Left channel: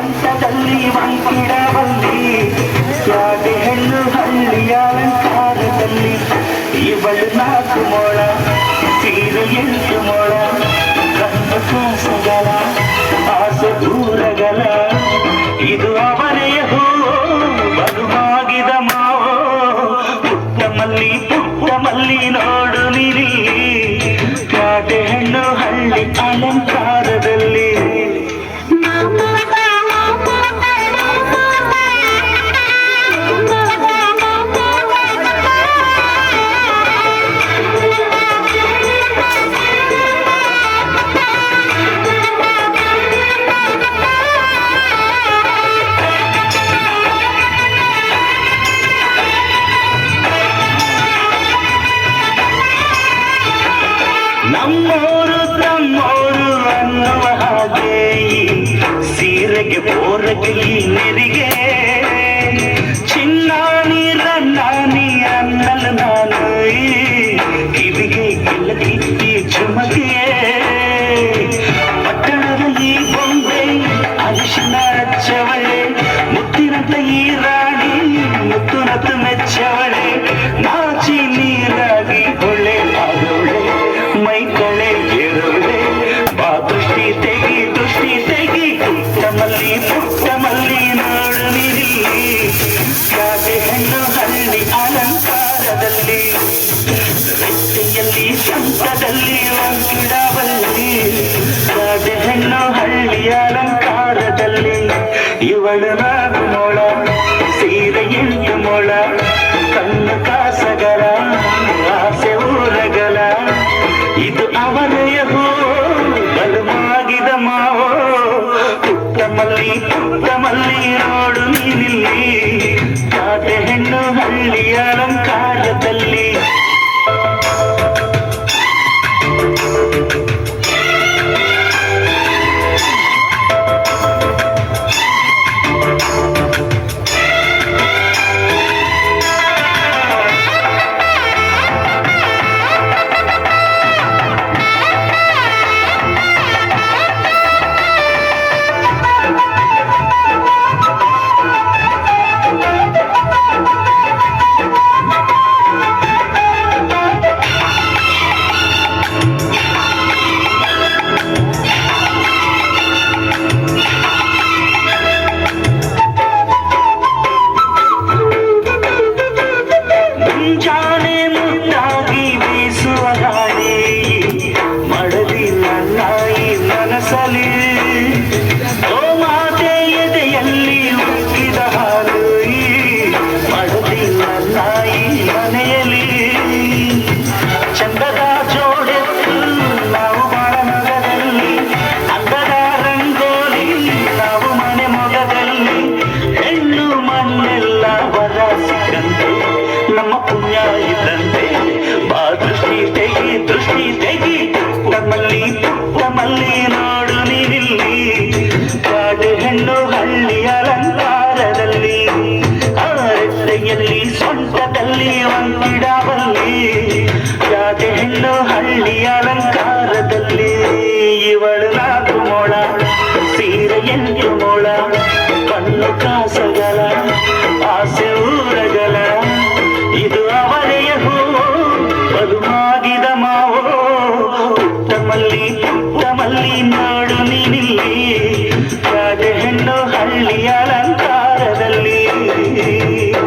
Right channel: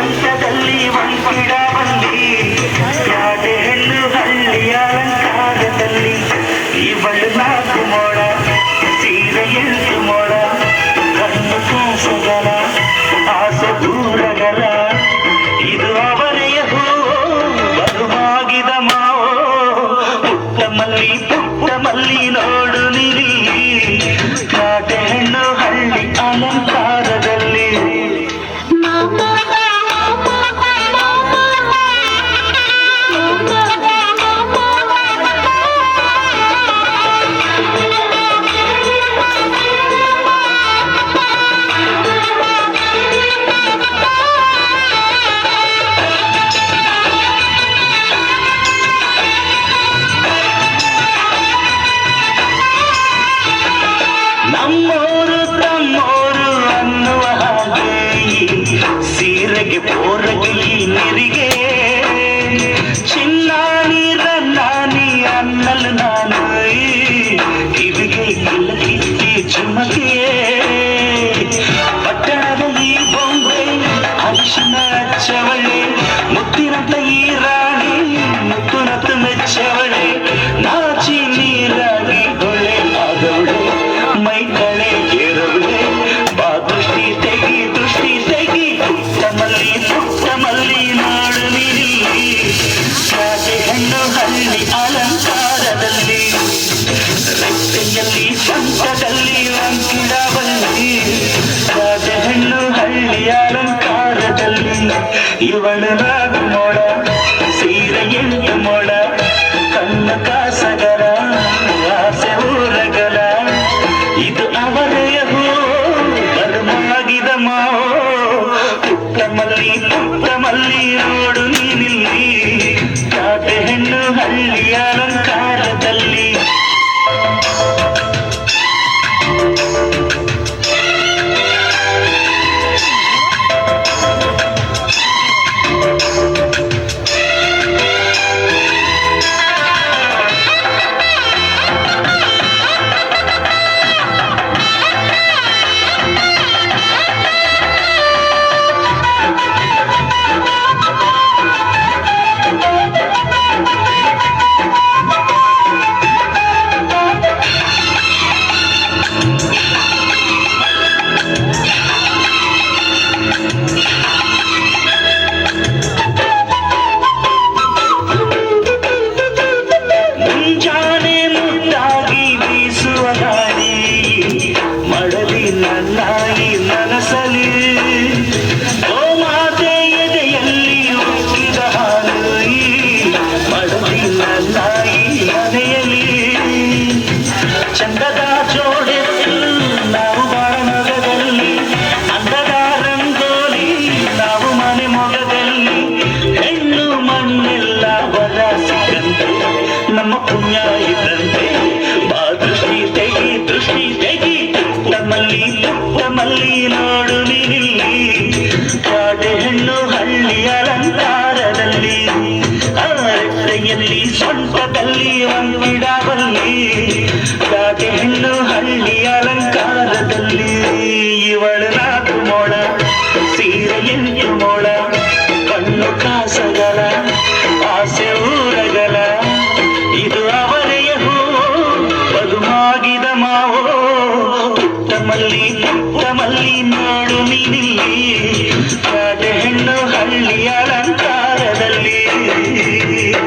ಪ್ರಪಂಚದಲ್ಲಿ ಬಂದಿ ಯಾವುದೇ ಹೆಣ್ಣು ಹಳ್ಳಿಯ ಅಲಂಕಾರದಲ್ಲಿ ಇವಳು ನಾಲ್ಕು ಮೋಡ ಸೀರೆ ಎಂಟು ಕಣ್ಣು ಕೂಸುಗಳ, ಆಸ ದೂರಗಳ. ಇದು ಅವರೆಯ ಹೋ ಬರುವಾಗಿದ ಮಾವೋ. ಪುಟ್ಟ ಮಲ್ಲಿ ಪುಟ್ಟ ಮಲ್ಲಿ ನೋಡು ನೀರಿ ಬೋರಗೆ ಈ ನೆರಿಗೆ ಚಿನ್ನ ನೀರನ್ನ ನೀ ಅನ್ನಲು ನಾನು ಕಿವಿಗೆ ಕಿಲಕಿಕ್ಕಿ ಚುಮಕೆ ಪಟ್ಟಣದ ಈ ಬೊಂಬೆ ಅರಿಶಿನ ಚವಳೆ ಮುತ್ತಿನಂತ ಈ ರಾ கடலிலும் கிடாவல்லி ராஜஹெண்ணு ಹಳ್ಳಿಯಾಳನ್ ಕಾಲದಲ್ಲಿ ಇವಳನಾಗುಮೋಳ ಸೀರೆ ಎಣ್ಣೆ ಮೊಳ ಕಣ್ಣ ಕಾಸಗರ ನಮ್ಮ ಪುಣ್ಯ ಇದ್ದಂತೆ ಮುತ್ತಮಲ್ಲಿ